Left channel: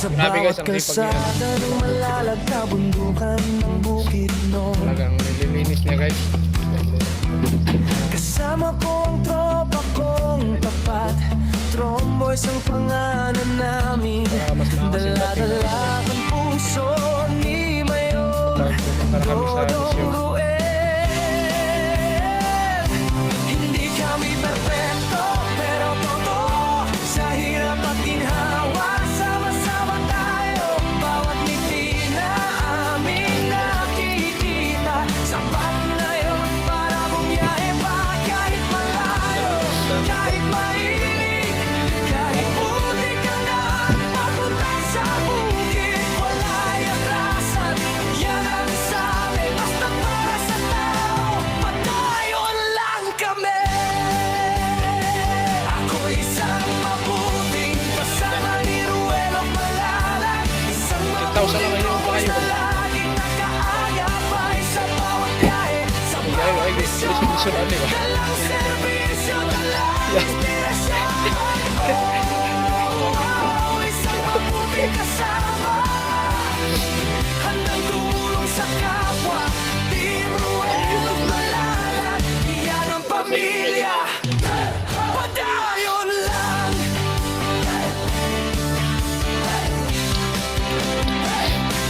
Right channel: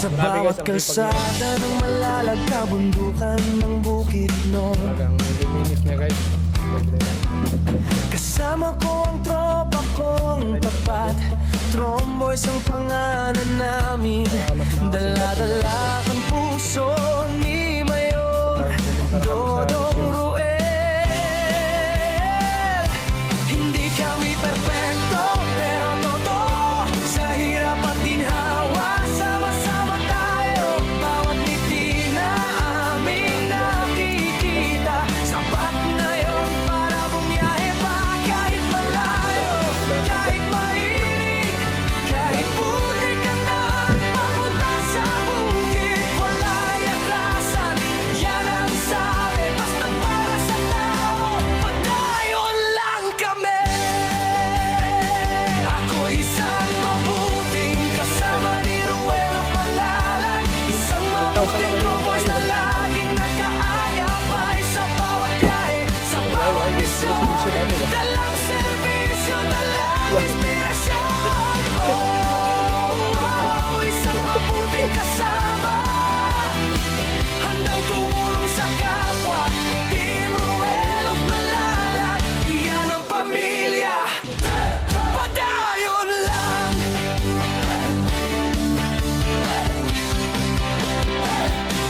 Sa bawat kalsada ng malalag na bundukan ng Bukidnon, talagang nililinis niya guys. kasama ko ang tropa kong tapat. Tromboys ang pangalan namin. Dala-dala ang puso ni Mayor Dodong Ruel. Hindi kami perfecto, pero totoo. Sa hirap at ginhawa, sama-sama tayo. Bawat ngiti na aming nakikita, sapat na yun para bumiyahe pa. Kahit malayo, kahit mainit, kahit putik ang daan papunta sa bukid, wala'y atrasan. Yan ang sabi, basta para sa tao, padayon lang kami. Ako isang mabuting kasama ni Ruelo Malalag, isang mabuting tromboys na laging nakaagapay sa bawat biyahe, sa bawat misyon. Dalang serbisyo, dalang inspirasyon. Isang mabuting kasama, handang tumulong sa kapwa. Team Ruelo Malalag, iyan ang pamilya. Padayon lang.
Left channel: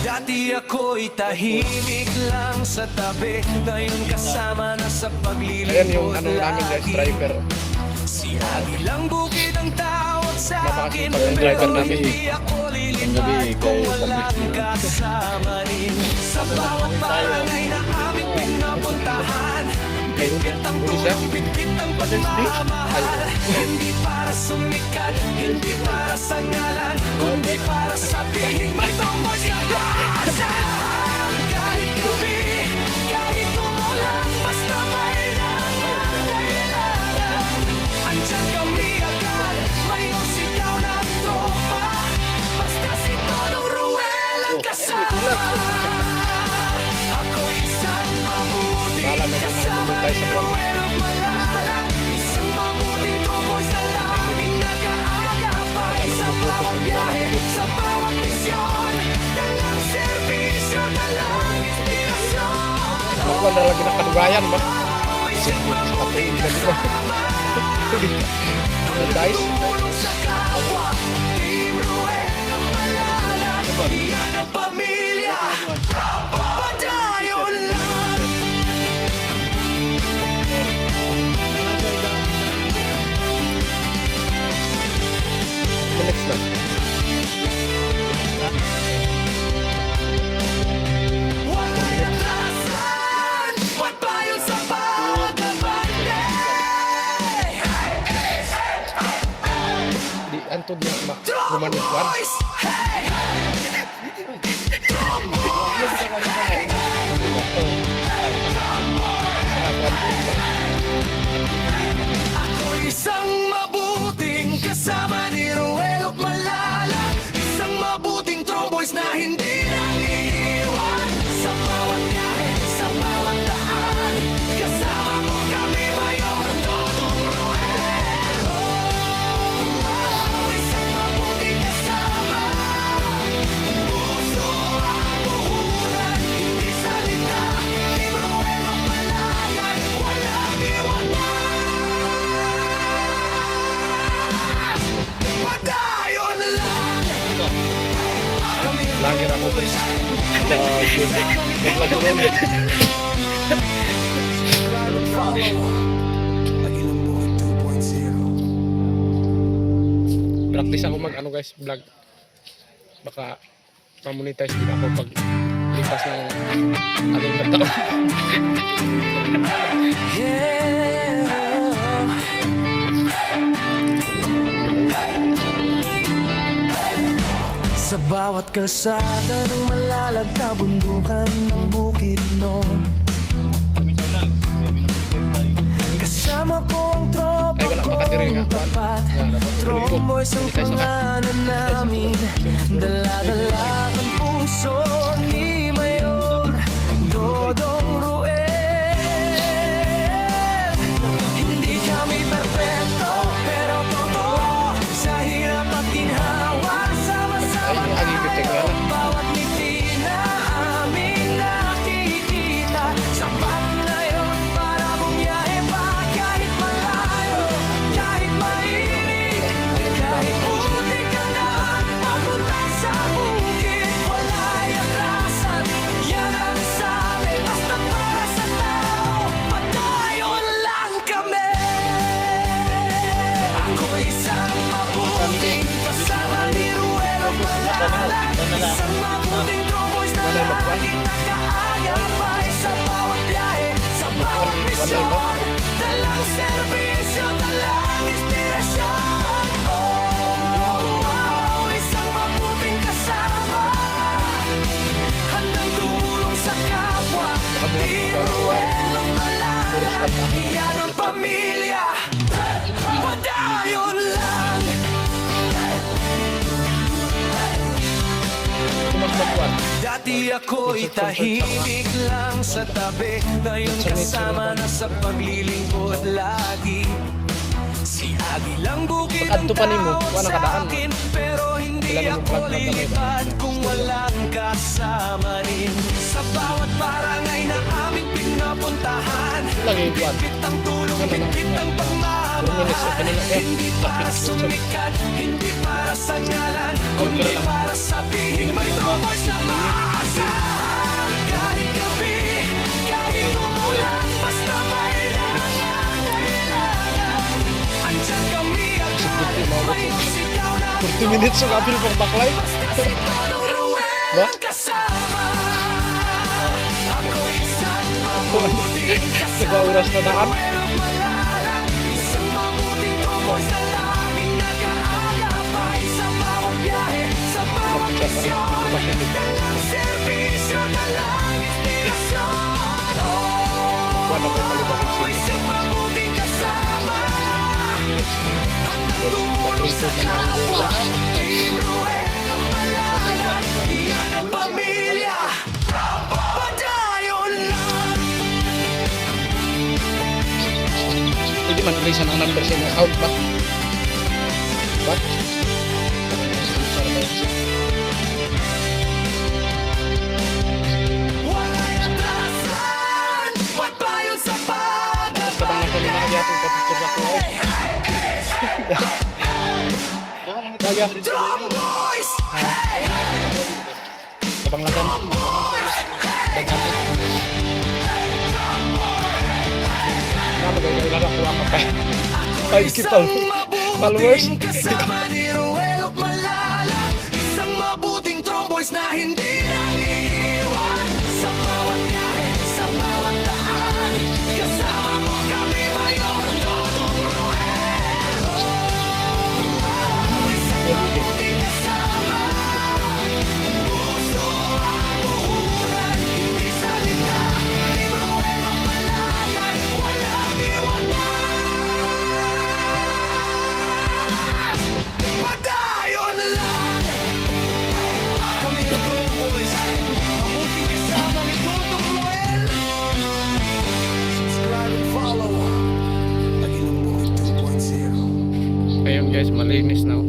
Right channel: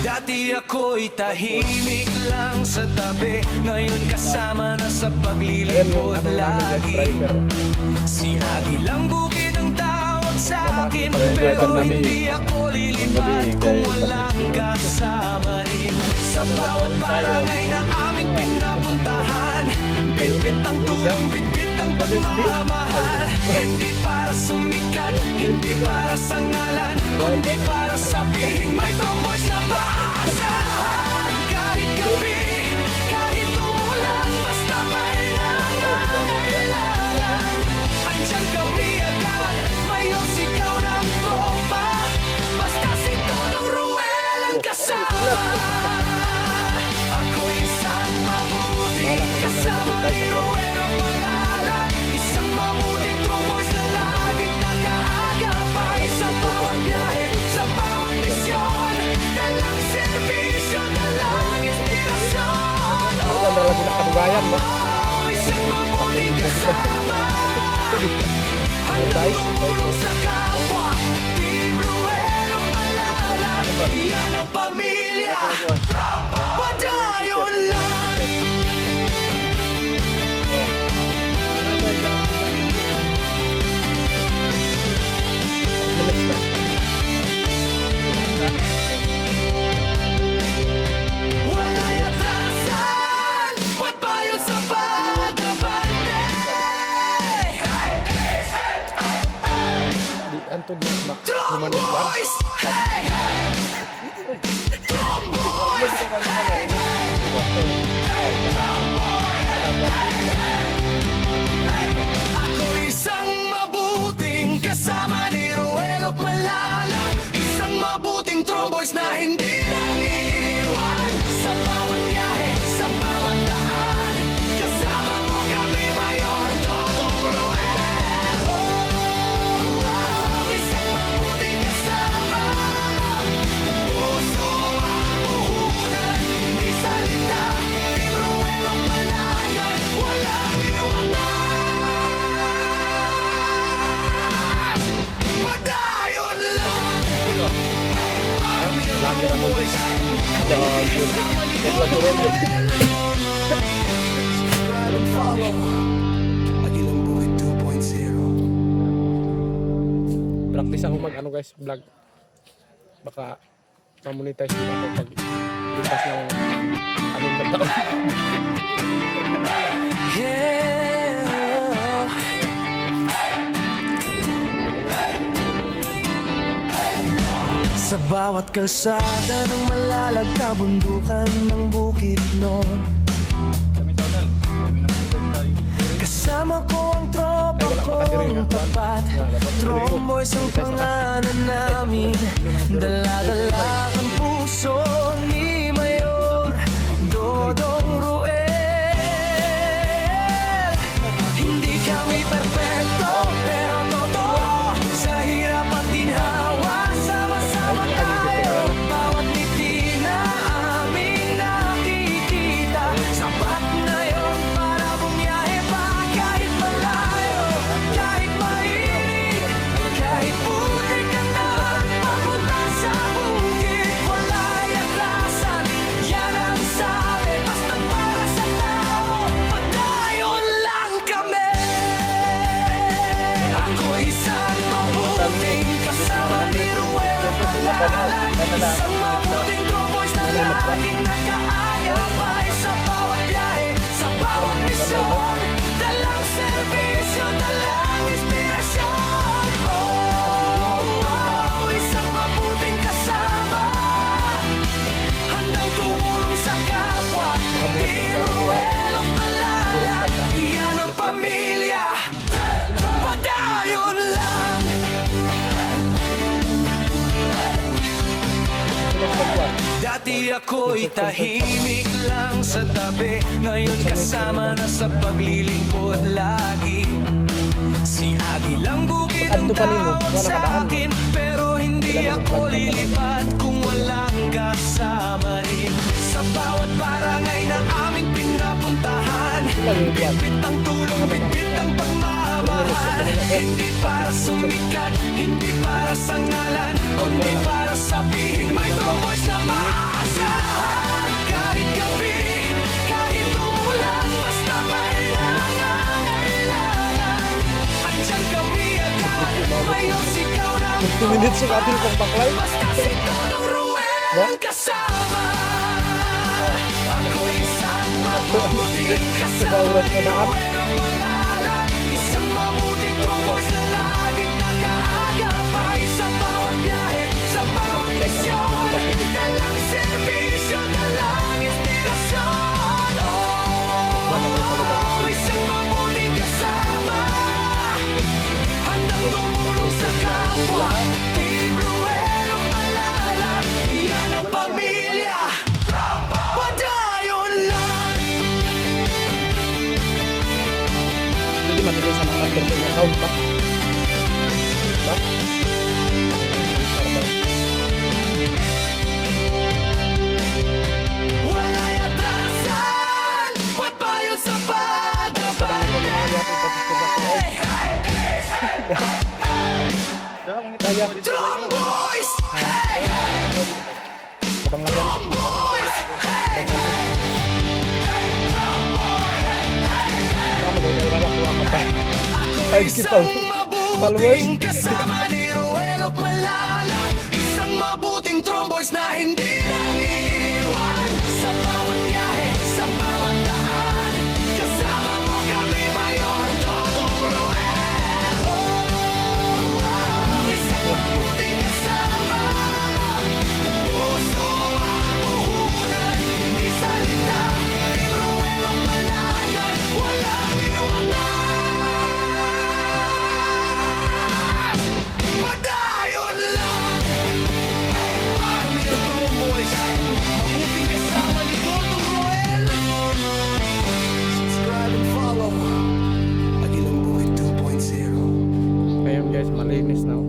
Dati ako'y tahimik lang sa tabi, ngayon kasama na sa Ayan yung paglilingkod ano namin guys, lagi. driver. Si Agilang Bukid ang tawag sa akin, Napakasipag yung driver pero namin. hindi ako lilipad kung walang kasama rin. Sa bawat barangay na aming pinapuntahan, bitbit ang tulong, bitbit ang pagmamahal. Hindi para sumikat, hindi para sa ngalan, kundi para sabihin may tromboys na maasahan. Kahit gabi, kahit umulan, basta may nangangailangan, andyan kami agad, mayor sigaw ng tropa. Basta si Dodong Ruel ang kasama. Ako isang mabuting kasama ni Ruel Malalag, isang mabuting tromboys na laging nakaagapay sa bawat biyahe, sa bawat misyon. Dalang serbisyo, dalang inspirasyon. Ako na lagi nakadugayan ba? Isang mabuting kasama, handang tumulong sa kapwa. Team Ruel Malalag, iyan ang pamilya. Padayon lang. Minutes lang. Wala'y atrasan, pagbayon sa pagabante. Di antod na humaniswan. Tromboys! Hey! Saka kuwan din ba? Ako isang mabuting kasama ni Ruel Malalag, isang mabuting tromboys na hindi nang iiwan. Sa bawat biyahe, sa bawat daan, kasama mo kami, Mayor Dodong Ruel. Isang mabuting kasama, puso ang puhunan, hindi salita. Team Ruel Malalag, walang iwanan. Padayon lang. Kami ang Lager ako. tromboys, Lagi. kasama ni Dodong Ruel. Subscribe and follow Agilang Bukid 2.0. Practice ako mag ano guys, vlog. Baka ma-monetize din ako pag lipas ng anong na taon. Sa bawat kalsada ng malalag na bundukan ng Bukidnon, kasama ko ang tropa kong tapat. Tromboys ang pangalan namin. Dala-dala ang puso ni Mayor Dodong Ruel. Hindi kami perfecto, pero totoo. Sa hirap at ginhawa, sama-sama Isang mabuting true boys na laging nakaagapay sa bawat biyahe, sa bawat misyon. Dalang serbisyo, dalang inspirasyon. Oh, isang mabuting kasama, handang tumulong sa kapwa. Di Ruel Malala, yan ang pamilya. Padayon lang. Dati ako'y tahimik lang sa tabi, ngayon kasama na sa paglilingkod lagi. Si Agi lang bukid ang tawag sa akin, pero hindi ako lilipad kung walang kasama rin. Sa bawat barangay na aming pinapuntahan, bitbit ang tulong, bitbit ang pagmamahal. Hindi para sumikat, hindi para sa ngalan, kundi para sabihin may true boys na maasahan. Kahit gabi, kahit umulan, basta may nangangailangan, andyan kami agad, mayroong sigaw na 40 minutes yung apil pang baklay. basta si Todong Ruel ang kasama. Ako'y isang mabuting kasama Oras na ni daan. Ruel Malala, isang mabuting true boys na laging nakaagapay sa bawat biyahe, sa bawat misyon. Dalang serbisyo, dalang inspirasyon. Oh, isang mabuting kasama, handang tumulong sa kapwa. Team Ruel Malala, yan ang pamilya. Padayon lang. Pwede man nilay ang number sa inyong account ba? Ba? Wala'y atrasan, pagpayon sa Tapos ka bang nasa mga yatong papistor ako? Drum boys! Kabang lagan. Daghan eh. Magkailan ako ang mapay. Ako'y Isang followers kasama ni Ruel Malala, isang mabuting true boys na hindi nang iiwan. Sa bawat biyahe, sa bawat daan, kasama mo kami, Mayor Todong Ruel. Oh, isang mabuting kasama, puso ang puhunan, hindi salita. Team Ruel Malayan, walang iwanan. Padayon lang. Kami ang True Boys, mabuting kasama ni Todong Ruel. Subscribe and follow Agilang Bukid 2.0. Ayun guys, malinis na.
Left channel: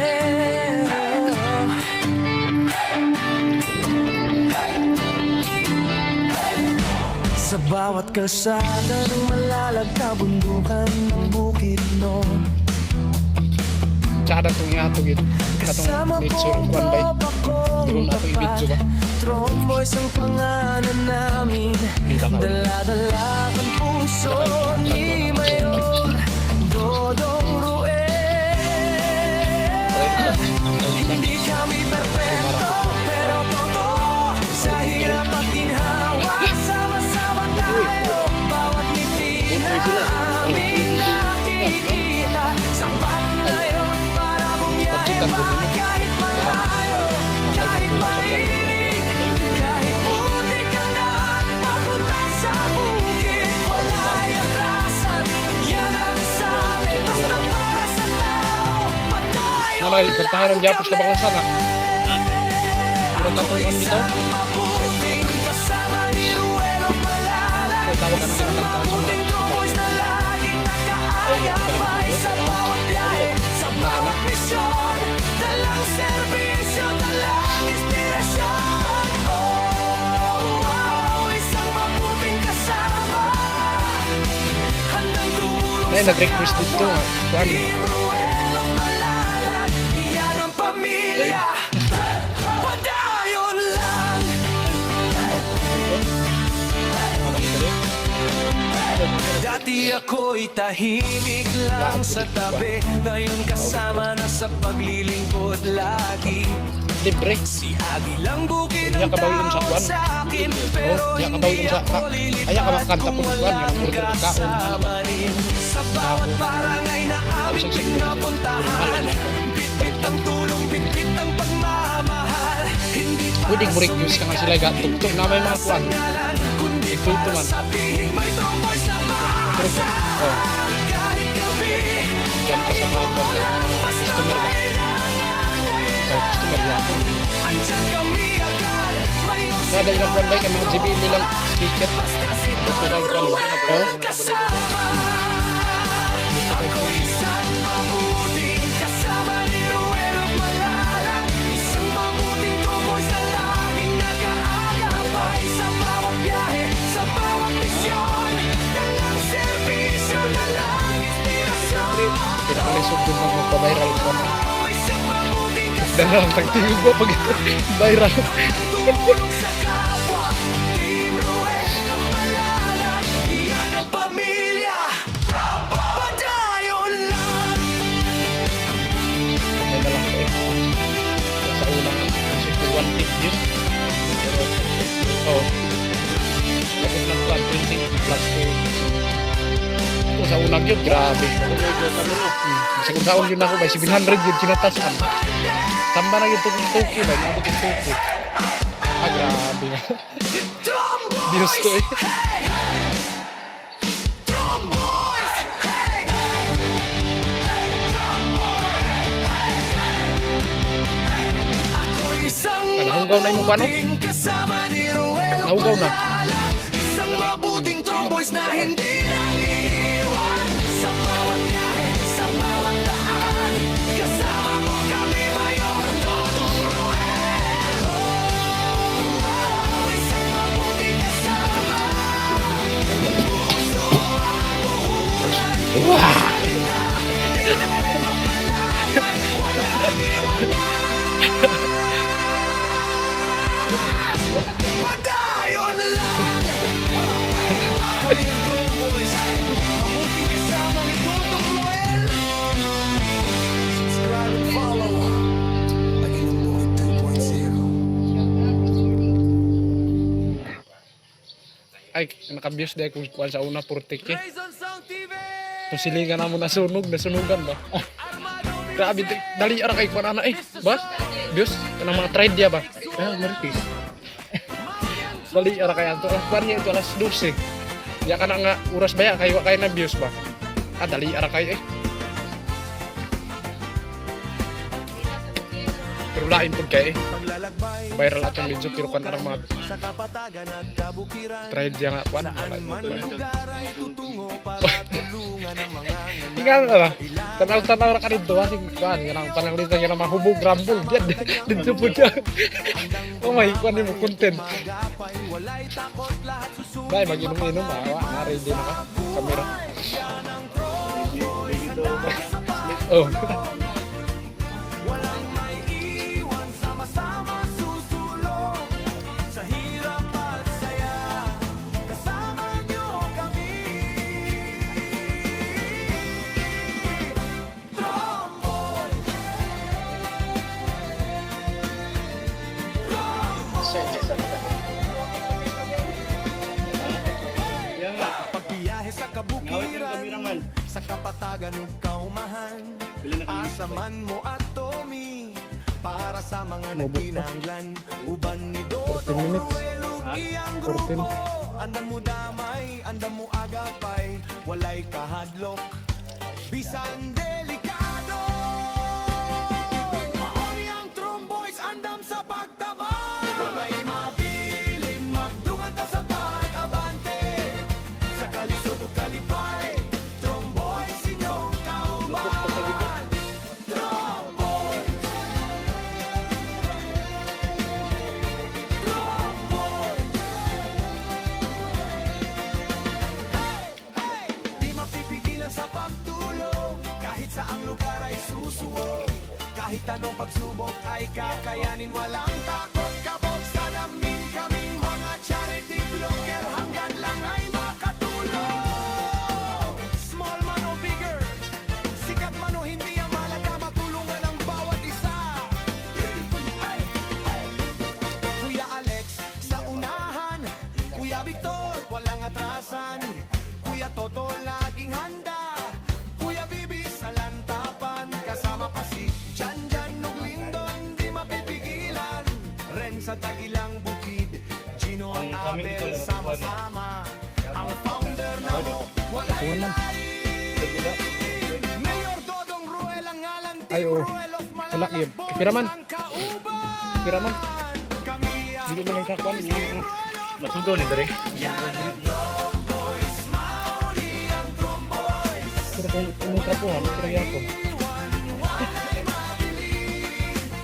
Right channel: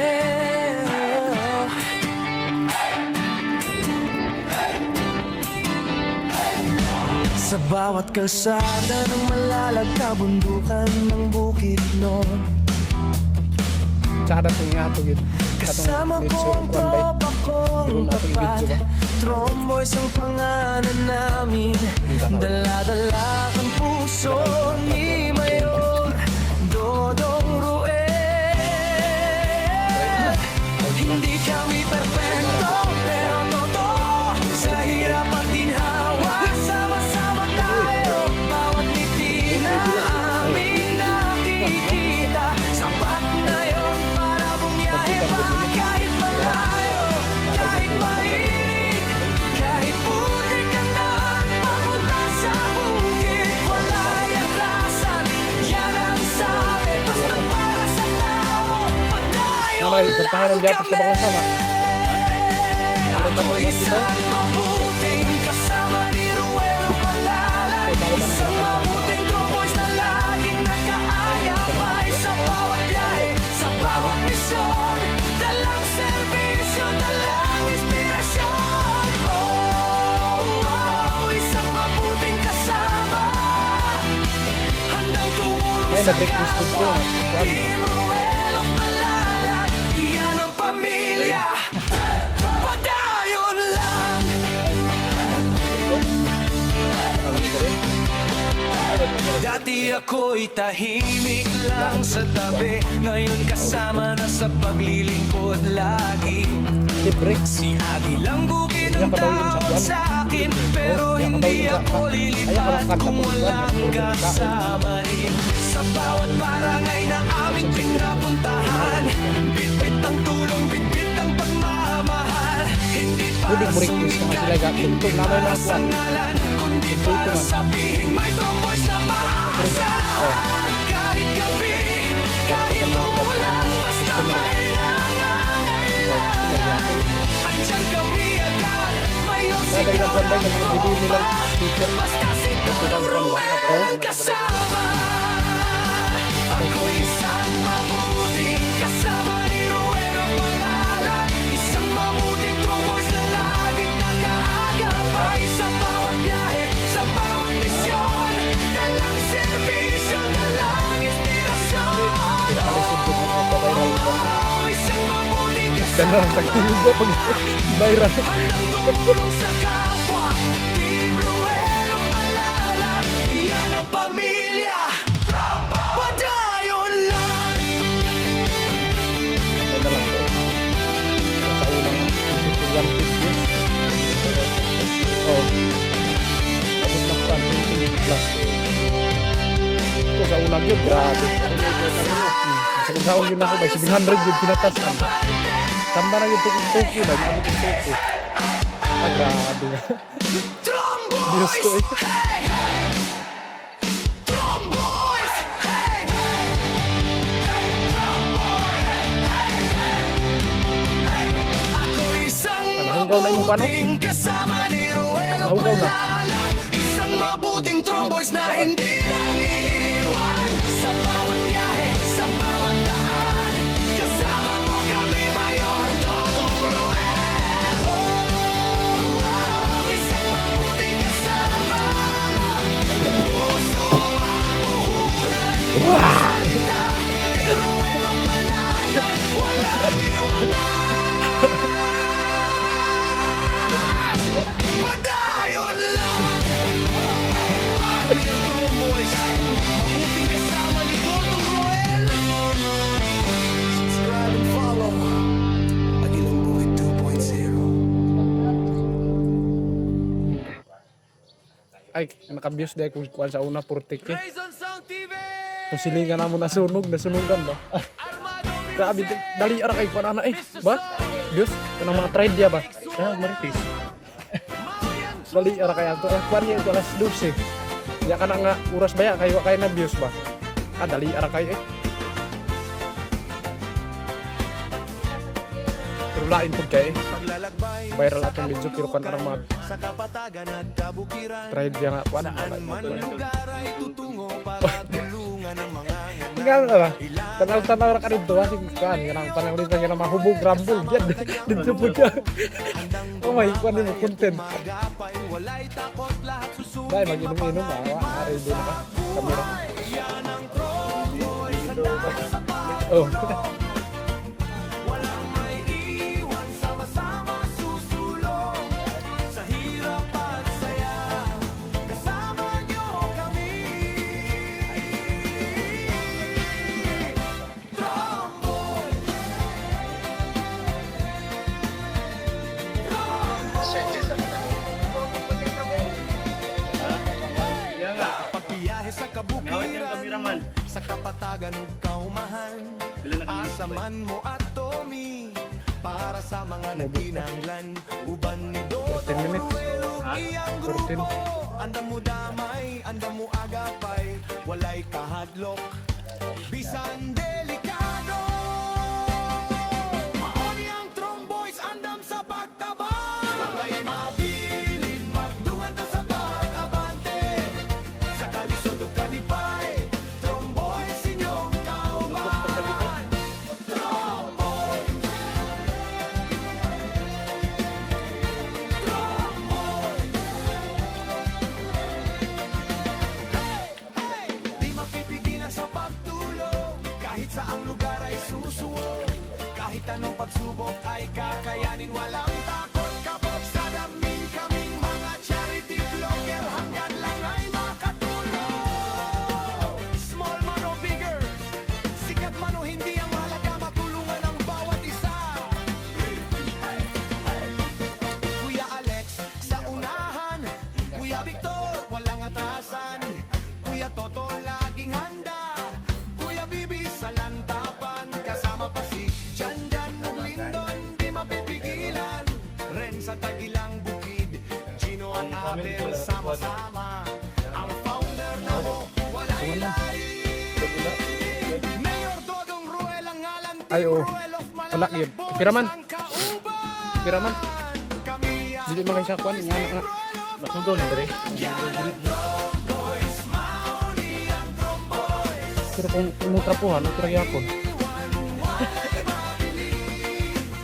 Yeah. Sa bawat kalsada ng malalagkabundukan ng bukid noon, Tsaka itong iatog yun. kasama Itong kong nature one by. tropa kong Hindi ko na ito i-video tapat. ba? Tromboys ang pangalan namin, dala-dala ang puso ni Mayor Dodong Ruel. Hindi kami perfecto, pero totoo, sa hirap at ginhawa, sama-sama tayo. Bawat ngiti na aming nakikita, sapat na yun para bumiyahe pa. Kahit malayo, kahit mainit, kahit putik ang daan papunta sa bukid, wala'y atrasan, yan ang sabi, basta para sa tao. Padayon Namay, bertahan ng Japos kami. ka bakla sana. Ako'y isang mabuting kasama ni Ruel Malala, isang mabuting true boys na laging nakaagapay sa bawat biyahe, sa bawat misyon. Dalang serbisyo, dalang inspirasyon. Oh, isang mabuting kasama, handang tumulong Ay, sa nag-request dito kapwa. nga. Kuan. Team Ruel Malala, yan ang pamilya. Padayon lang. Dati ako'y tahimik lang sa tabi, ngayon kasama na sa paglilingkod lagi. Libre. Si Agi lang bukid ang Kaya kabawi yun sa tawag kuwan. sa akin, pero Kaya hindi kabawi yun sa- ako kaya ka lilipad makanta kung po, kuwan, walang yung order ng kaon. kasama rin. Sa bawat barangay na aming pinapuntahan, bitbit ang tulong, bitbit ang pagmamahal. Hindi para Pwedeng mo-request ka nga sila gatugtog na may mga kuwan. sangalan, kundi Tugtog para man. sabihing may tromboys na maasahan. Oh, Kahit gabi, dyan pa sa mga kuwan, sa mga customer ba? Oh, customer yapon. andyan kami agad. Mayor Kaya dahil ang kuwan ba, kay mga GBL nilang sticker. basta si Buto kang kuwan ba? Toro Oh, kasama. buto kay Ako isang mabuting kasama ni Ruel of Malalag. Isang mabuting tromboys na laging nag-aagapay sa bawat biyahe, sa bawat misyon. Dalang serbisyo, dalang inspirasyon. pinakalisod doon magpa-viral kuwan. Isang mabuting kasama. Dan lang tagtigo pag viral. Handang tumulong sa kapwa. Team Ruel of Malalag. Iyan ang pamilya. Padayon lang. May na lang to eh. Kaya sa unang isip ko 1 tip yun. Oh. Abot na kuwan, 20 plus eh. Ito sa unang yun, grabe. Sa kung saan yun ako, by 700 yun kinatasan. Tamba na yun tuko ba, niabot yung tuko. Ah, grabe nga. Diyos ko eh. Hey! Tromboys! Hey! Ako isang Nahugaw na yung mukha, no? mabuting kasama ni Ruel of Nahugaw na. Malalag. Isang mabuting tromboys na hindi nang iiwan. Sa bawat biyahe, sa bawat daan, kasama mo kami, Mayor Dodong Ruel. Oh, isang mabuting kasama. Puso ang puhunan. Wah! Ruel of Malalag, walang iwanan. Padayon lang. Kami ang Tromboys, mabuting kasama ni Dodong Roel. Subscribe and follow Agilang Bukid 2.0. Ay, naka-views dahil kung kuwan sa una 40k. Raison Sound TV! Kung silingan na mo nasunugan ba? Ah, Armado grabe, dali ara kay kuwan ana eh. Ba? Views, kanang mga trade dia ba? Ah, maritis. Dali ara kay ato. Kuwan niya ito alas 12. Ya ka na nga oras ba ya kay wa kay na views ba? Ah, dali ara kay eh. Pero lain pud kay eh. Paglalakbay Viral atong video pero kan arang mga sa kapatagan at kabukiran. trade dia nga kuwan. Saan man lugar ay tutungo para tulungan ang mga Tinggal na. Tanaw-tanaw ra ka dito ha sing kuwan kanang pananglitan nga mahubog rambol diyan dito pud ka. Oh my kuwan mo content. magapay, walay takot, lahat susunod. Dai mag-inom-inom ah. Wa ready na ka. Kamera. Yan ang Tromboys, handa sa Oh. walang may iwan, sama-sama susulong sa hirap at saya. Kasama nyo kami. Tromboy. Pagbiyahe sa kabukiran, sa kapatagan ug kaumahan, asaman mo at Tommy para sa mga nagkinahanglan. Uban ni 14 Dodong minutes. Ruel ug iyang 14. grupo. Andam mo damay, andam mo agapay, walay kahadlok, bisan delikado. Maoni ang Tromboys, andam sa pagtabang. May mabilin, magdungan ta sa pag-abante. Sa kalisod ug kalipay, Tromboys inyong kauban. Tromboys. Tromboys. Hey! Di mapipigilan sa pagtulong, kahit saang lugar ay susuwong. Kahit anong pagsubok ay kakayanin, walang takot kabog sa damin. Kaming mga charity vlogger, hanggang lang ay makatulong. hindi ang malaga, matulungan ang bawat isa. Kuya Alex sa unahan, Kuya Victor walang atrasan, Kuya Toto laging handa, Kuya Bibi sa lantapan, kasama pa si Janjan ug Lindon di mapipigilan, Ren sa Tagilang Bukid, Gino at Abel sama-sama, ang founder na mo walay lain. Mayor Dodong Ruel ang ngalan, Ay, Team oo. Ruel of Wala, Malalak yun. Boys Piraman. ang kauban. Piraman. Kami ang Hindi mo lang siya kuhan. Nga na. Masugaw ni Dre. Tromboys, Mauni ang Tromboys. Pero kung umong trapuhan, ito rin ako. Iwan, walay mabili.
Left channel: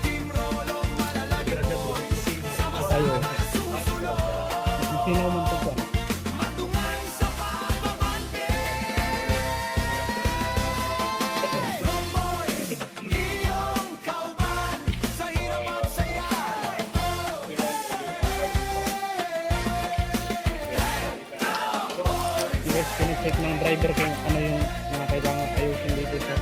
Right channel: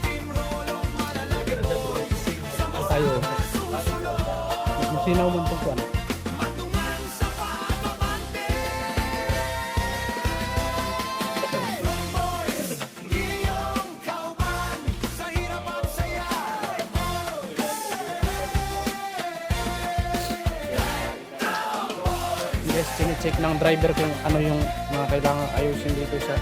Team Rolo, Malalak Boys. Tayo. Susunod, Masinaw mo ito kuhan. matungan sa pagbabante. Tromboys, iyong kauban sa hirap at saya. Guys, pinicheck ng driver kung ano yung mga kailangan ayusin dito sa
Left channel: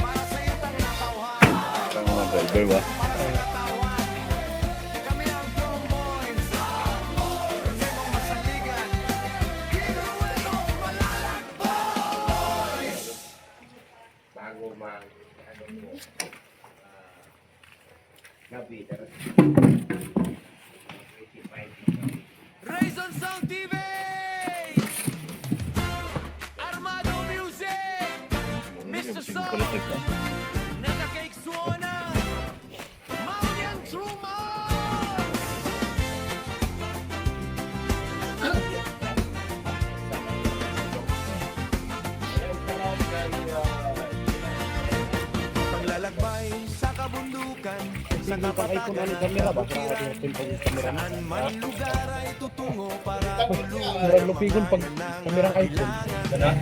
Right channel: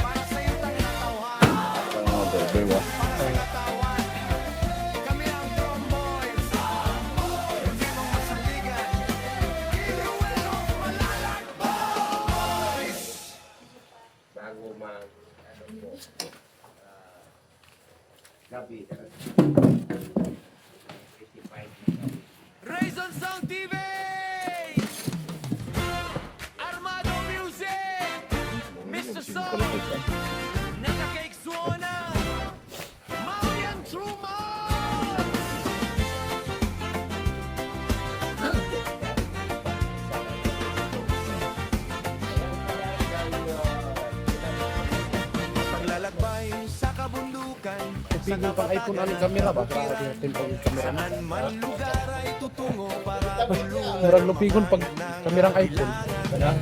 Para sa iyong natauhan. Ang mga driver ba? Para sa katawan, kami ang Tromboys. Hindi mong masaligan. Team Ruel of Malalak Boys. Raison Sound TV! Armado Music! Mr. Soul! Naka-cake suona! Marian Truman! Paglalakbay sa kabundukan, sa tingin pang iPhone ano camera ba? Para kapatagan, natin pag yung camera. saan man lugar ay tutungo para tulungan Murang lupigon pag kamerang iPhone.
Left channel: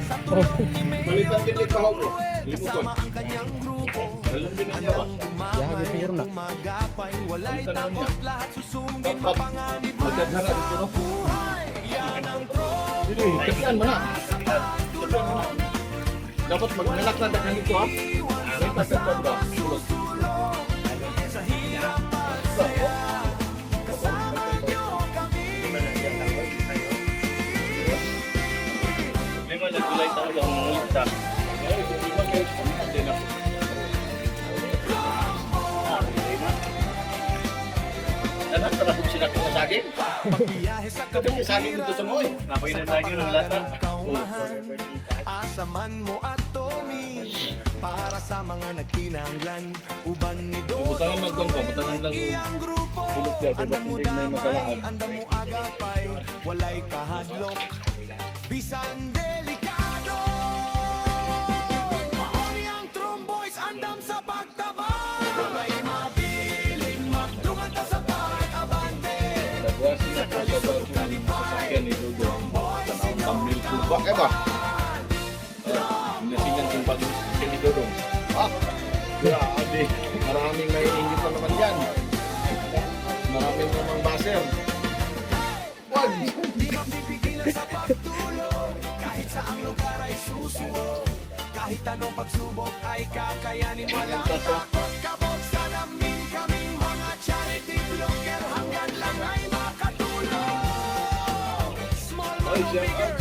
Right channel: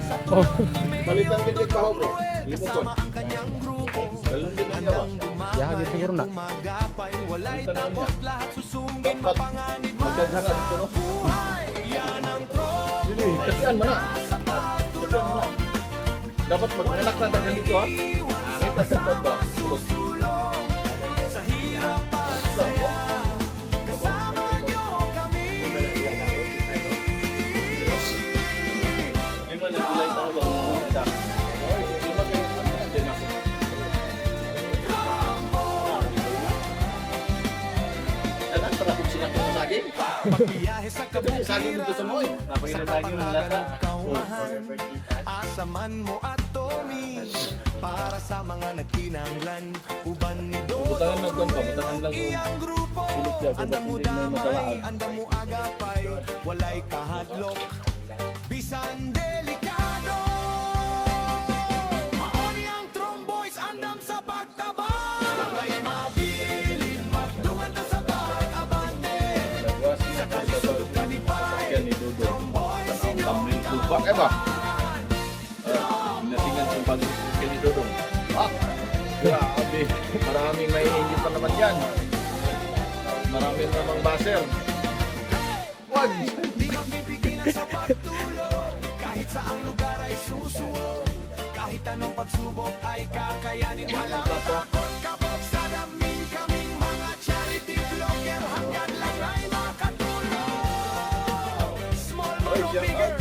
sa tulong ni Mayor Dodong Ruel, kasama ang kanyang grupo. Handang Yeah, dumamay, siguro na. umagapay, walay takot, lahat susungin, mapanganib man sa buhay. Yan ang Kasi ano sa pagtulong. Dapat mag-alak lang tayo dito ha. Iwan sama-sama susulong sa hirap at saya. Kasama niyo kami. May mga nagulay tao lang ng multa. Nalatara kung sila kung sa akin. Pagbiyahe sa kabukiran, Napay sa na tayo ng lata. kapanagan ng kaumahan, asaman mo at Tommy, para sa mga nagtinanglan, uban ni Dodong Ruel ang iyang grupo. Anda mo damay, anda mo agapay, walay kahadlok, bisan delikado. Maoni ang Tromboys, andam sa pagtabang. May mabilin, magdungan ta sa pag-abante. Sa kalisod ug kalipay, Yan ni Dodo. Tromboys Tanawang inyong thumbnail tupak eh ba? Pinasingan kong pag-isip ni Dodong. Ah, grabe. Maraming may hindi pa naman yan. Maraming namang baser. Wag! Di mapipigilan sa pagtulong, kahit saang lugar ay susuwong, kahit anong pagsubok ay kakayanin, walang takot kabog sa damin, kaming mga charity vlogger, hanggang lang ay makatulong. Small man o bigger,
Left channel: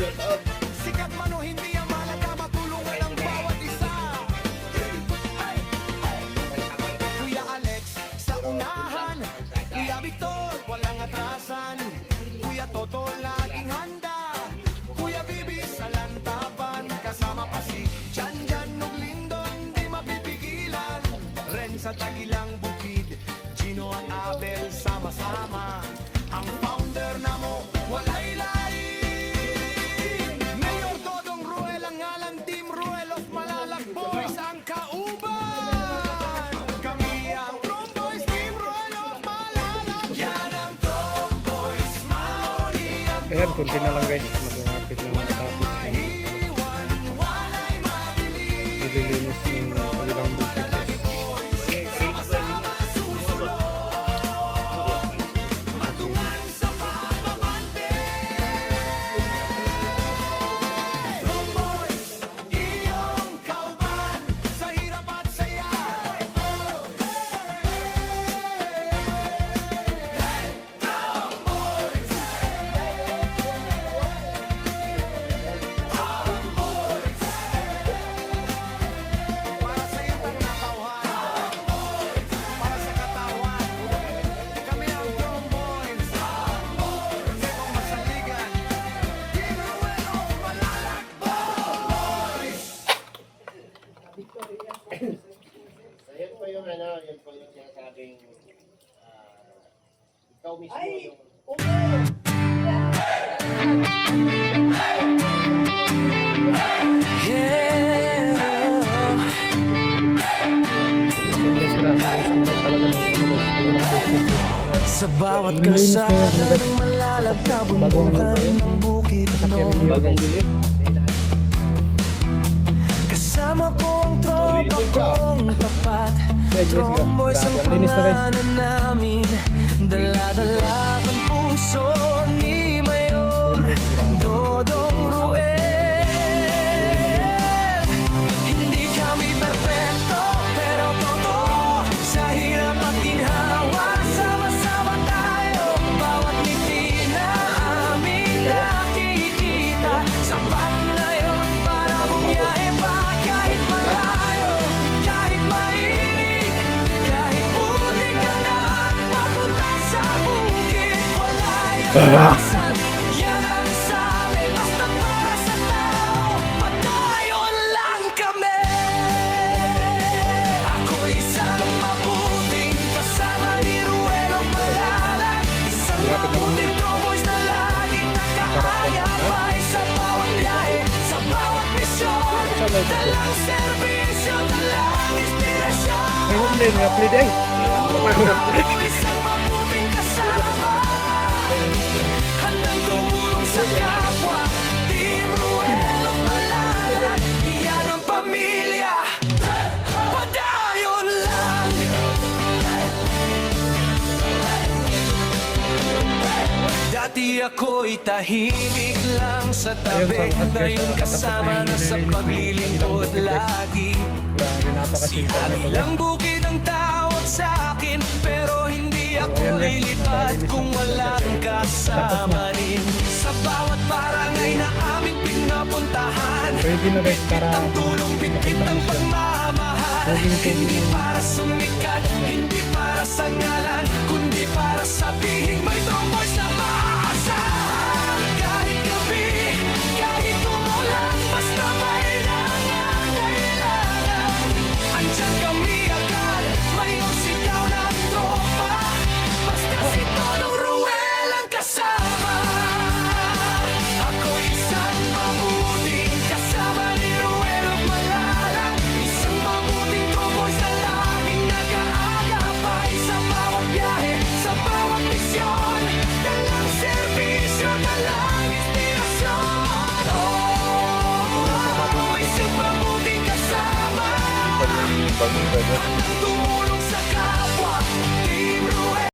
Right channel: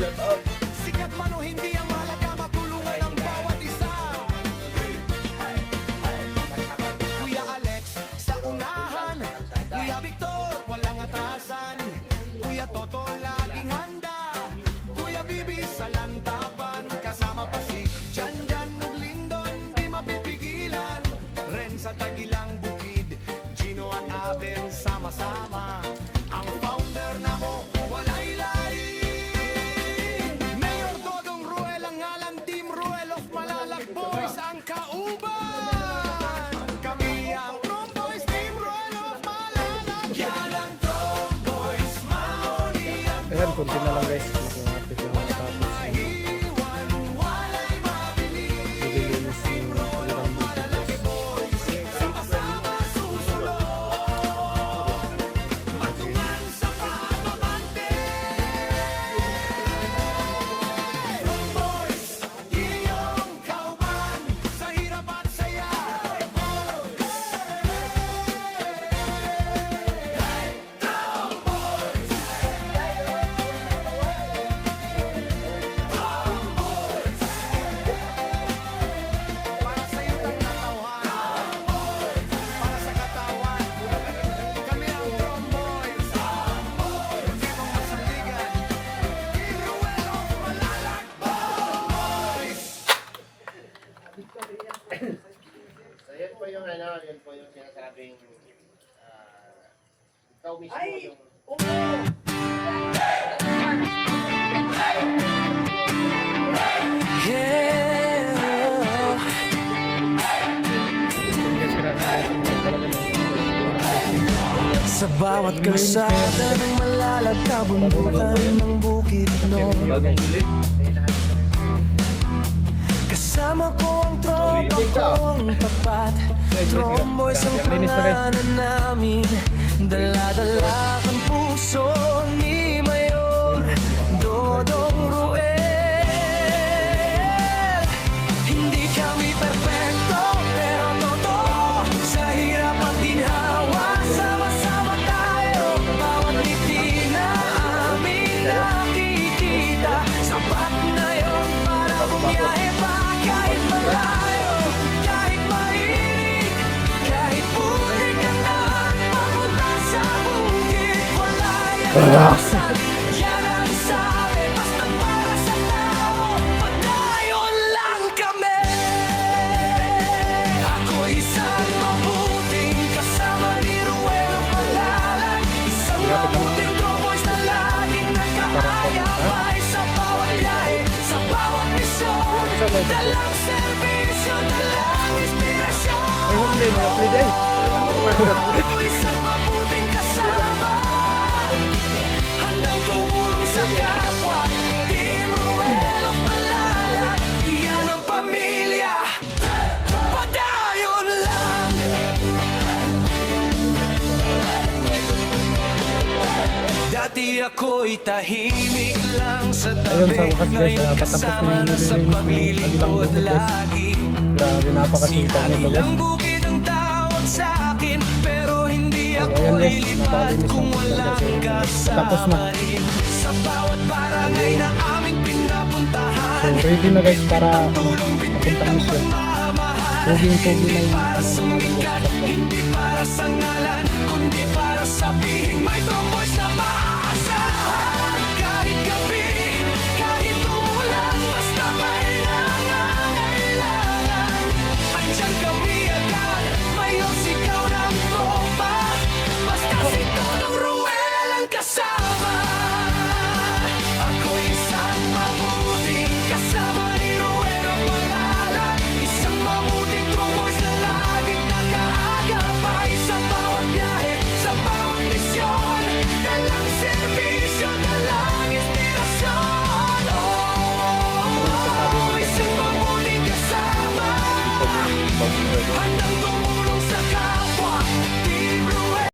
sikat man o hindi ang mahalaga, matulungan ang bawat isa. Kuya Alex sa unahan, Kuya Victor walang atrasan, Kuya Toto laging handa, Kuya Bibi sa lantapan, kasama pa si Janjan ug Lindon di mapipigilan, Ren sa Tagilang Bukid, Gino at Abel sama-sama, ang founder na mo walay lain. Mayor Dodong Ruel ang ngalan, Team Ruel of Malalak Boys ang kauban. Kami ang Tromboys, Team Ruel of Malalak. Yan ang Tromboys, Mauni ang Ayan, kunti na lang guys. Malapit na matapos. iwan, walay mabili. Nililinis yung kanilang bukid. Sama-sama susulong, matungan sa pagbabante. Tromboys, Yeah. Sa bawat kalsada ng malalagkabundukan ng bukid noon, kasama ko ang tropa kong tapat. Tromboys ang pangalan namin, dala-dala ang puso ni Mayor Dodong Ruel. Hindi kami perfecto, pero totoo, sa hirap at ginhawa, sama-sama tayo. Bawat ngiti na aming nakikita, sapat na yon para bumiyahe pa kahit malayo, kahit mainit, kahit putik ang daan papunta sa bukid. Wala yan minsan, yan ang sabi, basta para sa tao, padayon lang kami. Ako'y isang mabuting kasama ni Ruelo Malalag, isang mabuting tromboys na laging nakaagapay sa bawat biyahe, sa bawat misyon, dalang serbisyo, dalang inspirasyon. Ay, hindi, may apply day. Ako'y isang mabuting kasama, handang tumulong sa kapwa. Team Ruelo Malalag, iyan ang pamilya, padayon lang. Dati ako'y tahimik lang sa tabi, Ayun, sa wakas, guys, ngayon patapos kasama na na sa yung paglilingkod ilang lagi. Grabe, napakasita na to. Ilang bukid ang tawag sa akin, pero hindi ako ayan, guys, lilipad nakalinis kung na. walang kasama rin. Sa bawat barangay na aming pinapuntahan, So, ready na guys para ang tulong bitbit papuntang ang mission. pagmamahal. Tuging-tugi Hindi na yung para sumikat, hindi para sa ngalan, kundi para sabihin may tromboys na maaasahan. Kahit gabi, kahit umulan, basta may nangangailangan, andyan kami agad, Mayor sigaw ng tropa, basta si Dodong Ruel ang kasama. Ako'y isang mabuting kasama ni Ruel of Malalag, isang mabuting tromboys na laging nag-aagapay sa bawat biyahe, sa bawat misyon, dalang serbisyo, dalang inspirasyon. Ano masasabi mo Oh, tungkol isang sa mabuting kasama, Ipag yung bangin doon. handang tumulong sa kapwa.